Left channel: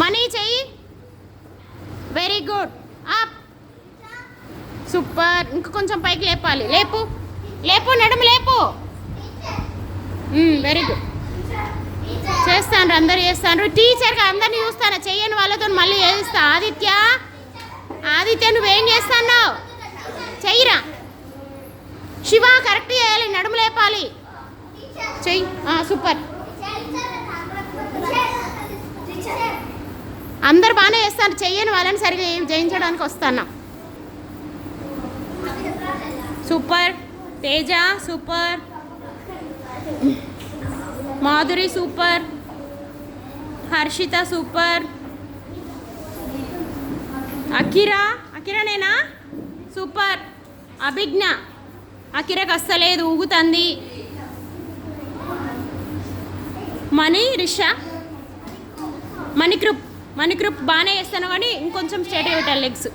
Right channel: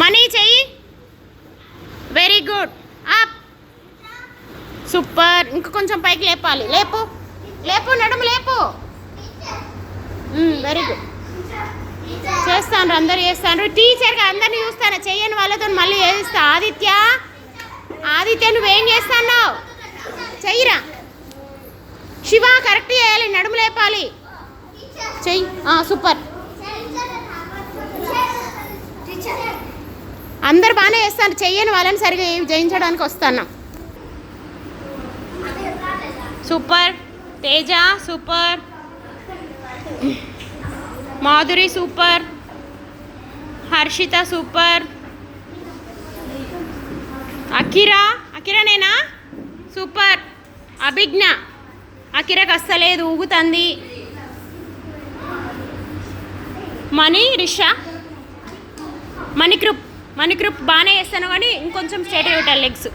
Money చెయ్యి. Very good up super ఇంకా కొంచెం పైకి లేపాలి. లేపు. లేపు నడుము లేపు. Hmm, వెరీ గుడ్ చేస్తాను అందరు చేస్తాను టీచర్గా అందరిని చూస్తాను. చెయ్యని వాళ్ళతో మళ్ళీ చేస్తా. ఆదిత్య. ఆదిత్య నువ్వేం చేస్తాను చెయ్యిరా. శివ కరెక్ట్ చేయాలి. నడుము లేపాలి. చెయ్యి. సూపర్ అందరు బాగానే చేస్తాను చెయ్యని వాళ్ళని సరిగా జయించడానికి వస్తాను. Super. Teja super. Madhuri super. Harshitha super. Akira నేనా సూపర్. అభిజ్ఞ. అఖిరకు అస్సలేదు ఊగుతుంది. మణి రిషా. మణికృప్. మణికృప్ బాగానే చేస్తాను కానీ ఇంకొంచెం స్టేట్ పెట్టాలి లెగ్స్.